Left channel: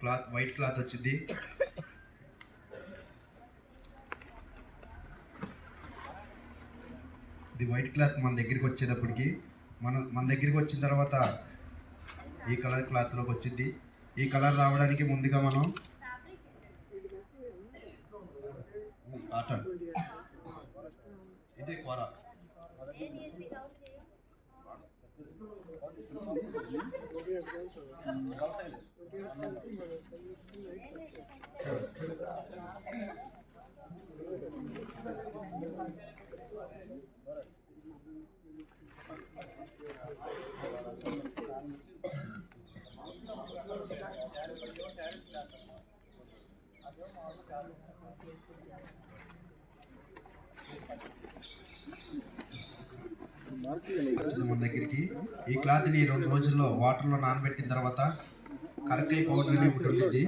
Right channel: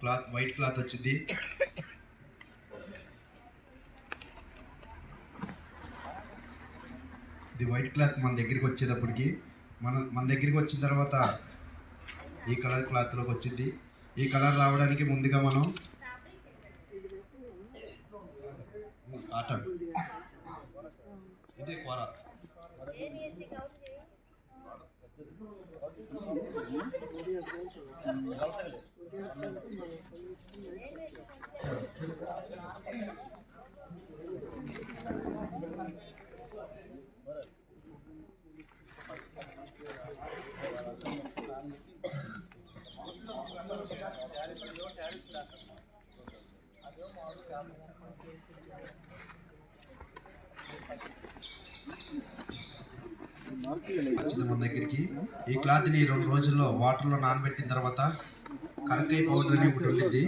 Cloth white cloth వచ్చింది. ఇది white cloth మన దగ్గరికి వచ్చేటప్పటికి మన దగ్గరికి వచ్చిన తర్వాత ఈ కలర్ క్లాత్లోకి వచ్చింది. ఈ కలర్ రావడానికి ముందుగా మనం కాటన్, ఇది కూర, మన దగ్గరికి ఈ క్లాత్ని 2 రోజుల్లో వాటర్లో నానబెట్టిన తర్వాత కరక్కాయ పౌడర్ అని ఒకటి ఉంటుంది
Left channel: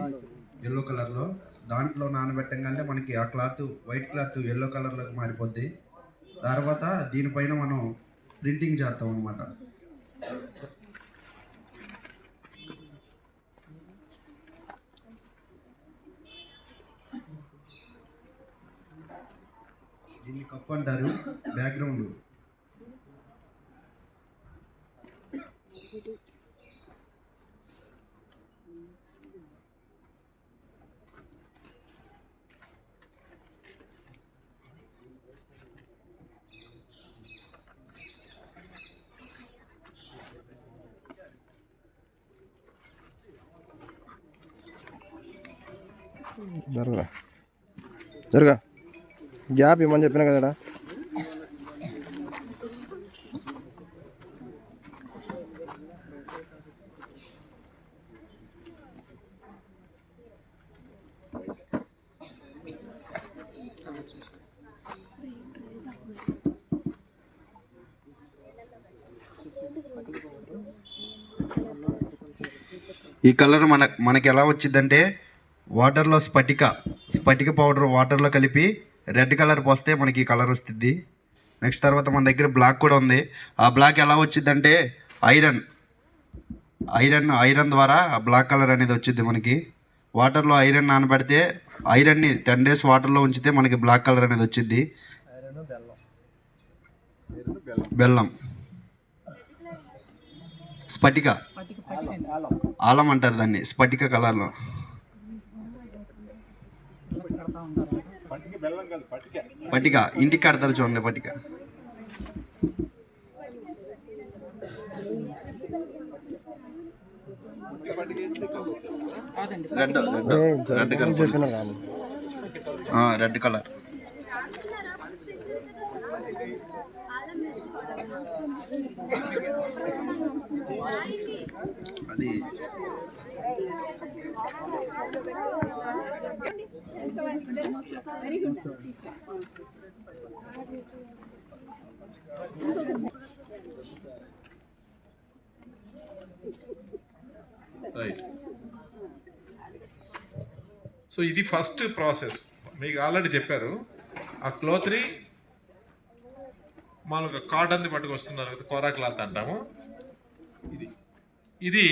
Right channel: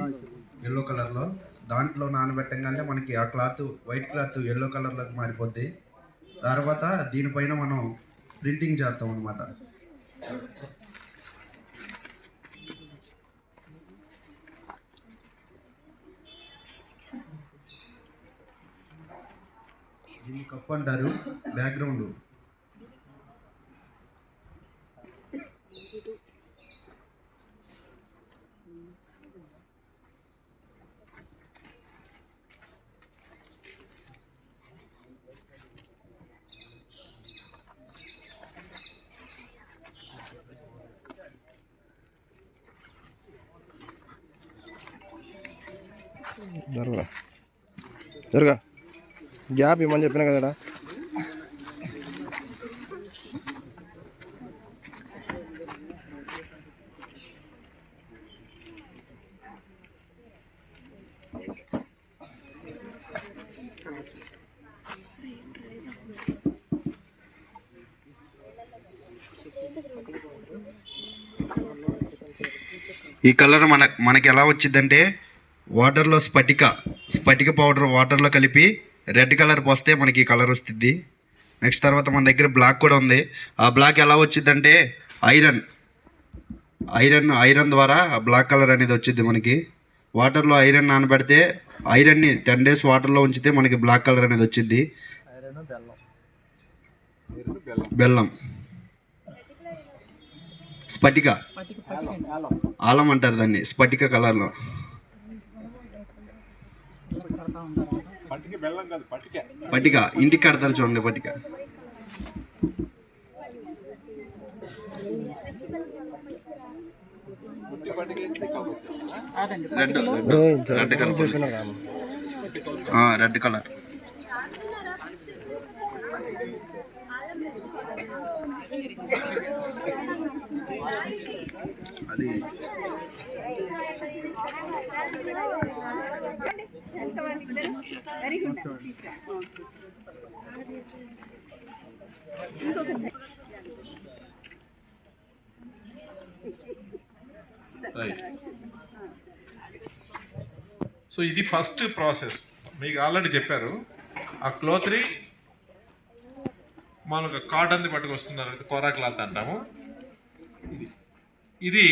ఎల్లో కలర్లో, దాంట్లో నానబెట్టంగానే మనకి ఆ క్లాత్ వైట్ క్లాత్ ఎల్లో కలర్లోకి మారిపోద్ది. తర్వాత దీనిపైన మనం ప్రింటింగ్ చేస్తాం అన్నమాట. దీన్ని కప్పు అంటారు. బ్యాక్గ్రౌండ్ జరగా గ్యాప్ ఇవ్వమని చెప్పినా కదా. ఈ కలర్ మనకి ఎలా వచ్చిందంటే వాటర్లో స్ఫటిక పౌడర్ వాటర్లో కలిపి రెడ్ కలర్ పోస్తే మనకి ఈ కలర్ వస్తుంది. నెక్స్ట్ తర్వాత మన దగ్గర బ్లాక్ కూడా ఉంది. ఆ బ్లాక్ ఎలా వచ్చిందంటే ఐరన్ ద్వారా ఆ బ్లాక్ కలర్ అనేది వచ్చింది. మనకి వాటర్లో ఐరన్ నానబెడితే ఐరన్ని 10 days వాటర్లో ఉంచితే మనకి బ్లాక్ కలర్ అనేది వచ్చింది. బెల్లం, స్ఫటిక, ఆలం అంటారు దాన్ని, స్ఫటిక కలర్లో. పటిక ఇంటికి కడతారు చూడండి. పటిక రెడ్ కలర్. అది సో ఇది ఫస్ట్ ప్రాసెస్ మీకు ఆల్రెడీ చెప్పారు. ఆ క్లాత్ని మనకు కాటన్ది పట్టుకొస్తున్నారు, కోరా క్లాత్ అంటాము. ఇది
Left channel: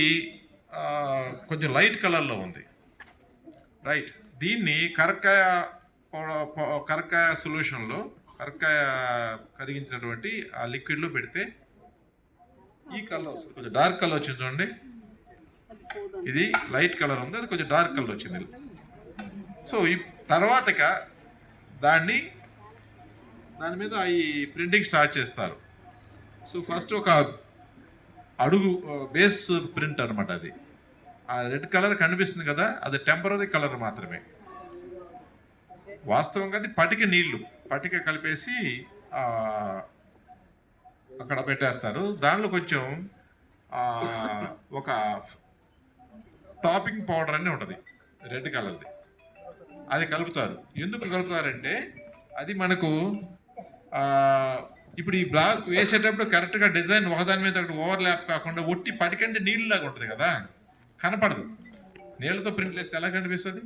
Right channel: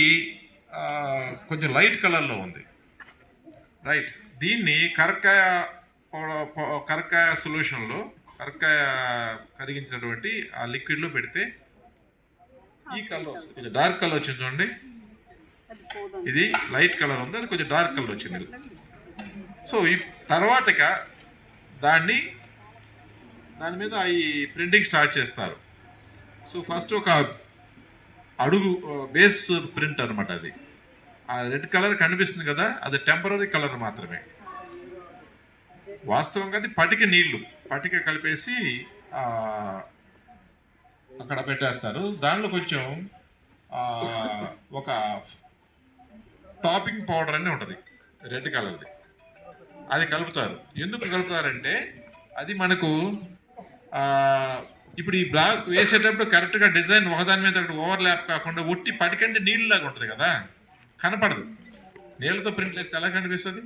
కొంచెం లైట్ కలర్లో ఉంది, రైట్. దీన్ని కరక్కాయ సొల్యూషన్లో కరిగించినటువంటి ఆ లిక్విడ్లో పెడితే ఈ కలర్ వస్తుంది. కొంచెం డార్క్ కలర్ వచ్చింది చూడండి. ఇది లైట్ కలర్ ఉంది, అది కొంచెం డార్క్ కలర్ వచ్చింది. సో ఈ తర్వాతగా దాని మీద ఈ ప్రింటింగ్ స్టార్ట్ చేస్తారు. సో ఫస్ట్ ఒక అడుగు బేస్ ప్రింట్ అనమాట. అది ఆ రెడ్ కలర్ కనిపిస్తుంది కదా, అది టెంపరీ కలర్ మాత్రమే. వాస్తవంగా అది పటిక కలిపేసి అక్కడ పెట్టేస్తారు. దానిలో కొంచెం ఒక టాపింగ్ పౌడర్ అని ఉంటుంది రెడ్ కలర్ది, అది కలుపుతారు. ఎందుకు కలుపుతారంటే అది మనకు ఇప్పుడు ఈ బ్లాక్ వేసేటప్పుడు కరెక్ట్గా డిజైన్ ఒకదాని మీద ఓవర్ ల్యాప్ కాకుండా ఒట్టి పటికంటే నీళ్ళలాగా ఉంటుంది కదా, కనపడదు. నీళ్ళతో ప్రింట్ వేస్తే ఎలా కనిపిస్తుంది?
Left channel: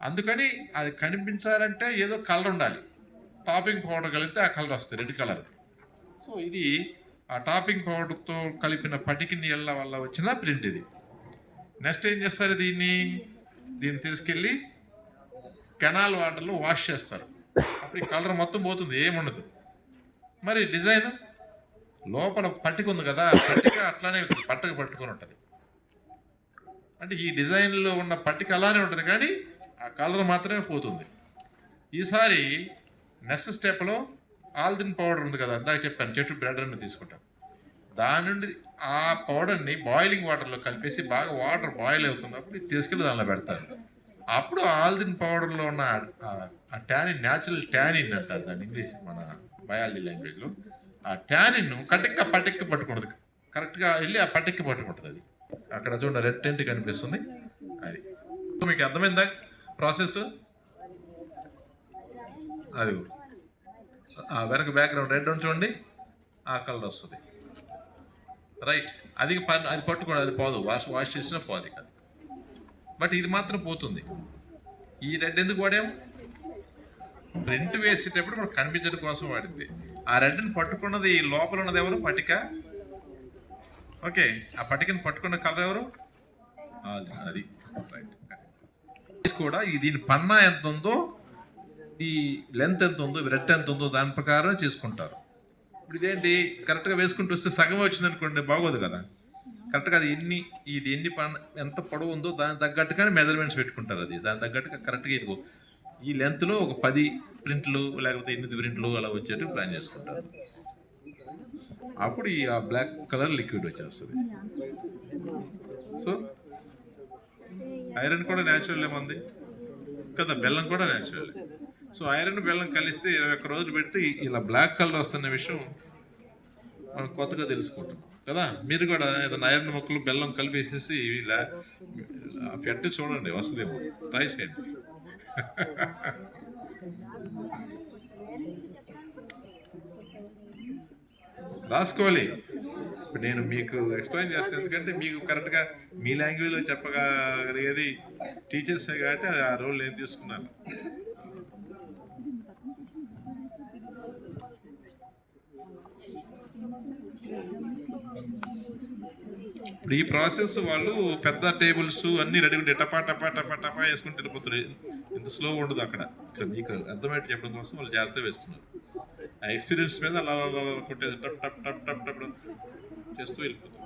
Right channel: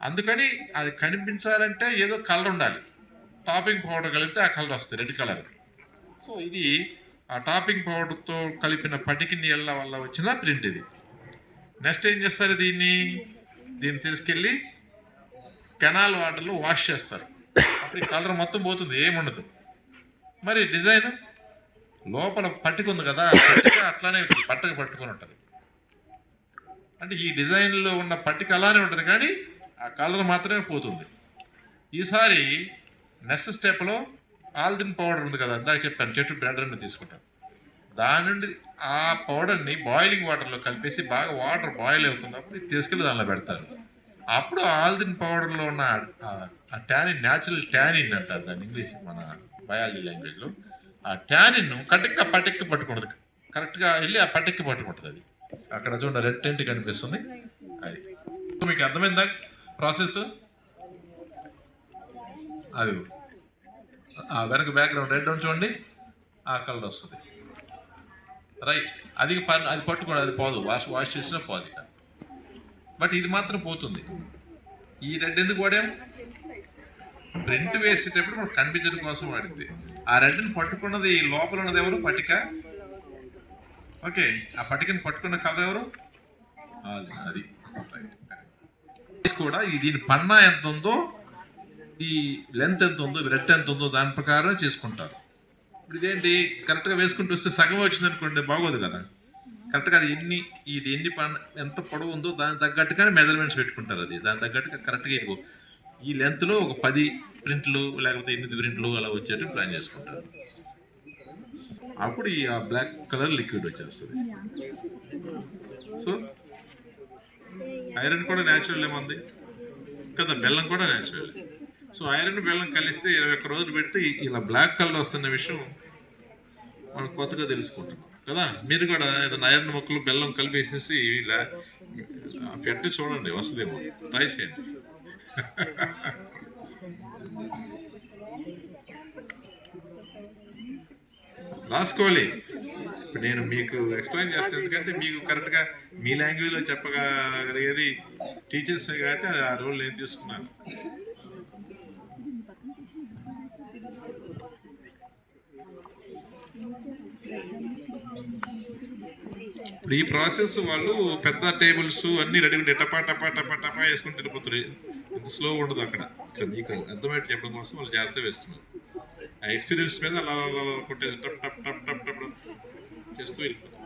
అందుకని అది కనిపించాలంటే ఏదో కలర్ ఉండాలి. టాపింగ్ పౌడర్ కలిపితే ఆ కలర్ వస్తుంది, రెడ్ కలర్. సో ఇది ఆ టాపింగ్ పౌడర్తో కలిపిన పటికి నీళ్ళ వల్ల వచ్చిన ప్రింట్ ఇది. నెక్స్ట్ ఏం చేస్తారు, దీన్ని దీన్ని తీసుకెళ్ళి కెనాల్ వాటర్లో వాష్ చేస్తారు. అప్పుడు ఈ కలర్ మొత్తం పోతుంది, ఏముండదు. మరి డిజైన్ లోపల పట్టిక ఉంది కదా, పట్టిక అట్లానే పట్టకు పట్టుకొని ఉంటుంది. అంటే ఈ డిజైన్లో ఉన్న పట్టిక అలానే ఉంటుంది, కానీ ఆ కలర్ మాత్రమే పోతుంది. ఈసారి నెక్స్ట్ స్టెప్లో ఆల్దిన్ పౌడర్ ఉంది కదా, ఇందాక చెప్పాను, చెట్టు బ్రెడర్ని తీసుకుంటాను. దాని నుండి ఆ పౌడర్ని బాయిలింగ్ వాటర్లో కలిపేసి బాగా వాటర్ బాయిల్ అవుతున్నప్పుడు తీసుకెళ్ళి దానిలో పెడతారు. అప్పుడు ఆల్దిన్ పౌడర్లో ఉన్న ఆ ట్యానిన్, న్యాచురల్ ట్యానిన్ అంటారు దాన్ని ఇంగ్లీష్, మన బయాలజీ లాంగ్వేజ్లో. ఆ ట్యానిన్ పటిక్క పట్టుకుంటుంది, కరెక్ట్గా వెళ్ళి ఆ పటిక్క పట్టుకుంటుంది. అది అక్కడ చూడండి రెడ్ టెంట్ కనిపిస్తుంది. అది మీకు అర్థమైందా ప్రాసెస్? అది ఆ వెనక బ్యాక్గ్రౌండ్ రెడ్ అని చూడండి, ఆ కలర్ వస్తుంది. రైట్, అది పట్టుకోండి, అది పోదు, వాష్ చేసినా పోదు ఇక. బట్ ఇది మాత్రం పోతుంది. ఈ రెడ్ ఎందుకు వాడాం? ప్రింట్ వేసేటప్పుడు మనకు కనిపించడం కోసం వాడింది. ఆ రెడ్ని పట్టుకున్నది లోపల ఉన్నది ఎవరు? పట్టిక. ఓకే, ఆ పట్టికని పట్టుకున్న కలర్ ఎవరు? అది కూడా దీని పన్నా ఎంత ఉందో, ఈ లెంత్ ఎంత ఉందో, రెడ్ ఎంత ఉందో దాని ప్రకారం చేసుకుంటారు. ఇప్పుడు ఇదేంటి కరెక్ట్గా వేసుకుంటూ వస్తే సగం వచ్చింది అనుకోండి, బాగోదు కదా. కరెక్ట్గా అది ఎన్ని ఎంత పొడవు ఉందో దానికి తగ్గట్టుగానే మెజర్మెంట్స్ పెట్టుకుంటారు. అది దాని తగ్గట్టుగా కరెక్ట్గా ఇదిగో ఈ లెంత్లో ఒక 10 ప్రింట్లు లేకపోతే 8 ప్రింట్లు అలా వచ్చేట్టు ప్లాన్ చేసుకుంటారు. అప్పుడు ఆ బ్లాక్ కలర్ లిక్విడ్ వచ్చేస్తుంది. సో ఐరన్ కూడా న్యాచురల్ ఏముంది కదా, బెల్లం కూడా న్యాచురల్. సో ఐరన్ బెల్లం కలిస్తే 21 రోజులు పెడితే ఇలా బ్లాక్ కలర్ వస్తున్న విషయం మనం కొత్తగా తెలుసుకుంటాం కదా. మీరు కూడా ఏదైనా ఐరన్ మొక్కలు బెల్లం కలిపేసేసి ఇలా పెట్టి చూడండి, వస్తుందేమో, ట్రై చేయండి. రాసుకోవాలి. ఇప్పుడు నేను మీకు ఎక్స్ప్లెయిన్ చేస్తాను, ఎందుకంటే మీకు కరెక్ట్గా మీ లాంగ్వేజ్లో చెప్పగలిగేది టీచర్సే కాబట్టి ఆ రోల్ నేను తీసుకున్నాను. ఇప్పుడు ఈ ప్రాసెస్ వాళ్ళు పెద్ద టేబుల్స్ అన్నీ రెడీ ఉంటే టపా టపా టపా టపా వేసుకుని వెళ్ళిపోతారు. ఇంత స్లో ఉండదు అక్కడ. ఇక్కడ మీకు అర్థమయ్యేది చెప్పడం కోసం వాళ్ళు జాగ్రత్త వేస్తున్నారు. ఆ ఎక్స్పీరియన్స్ మీద అలా కొట్టేసి టప్ టప్ టప్ టప్ టప్ చేస్తూ వెళ్ళిపోతారు.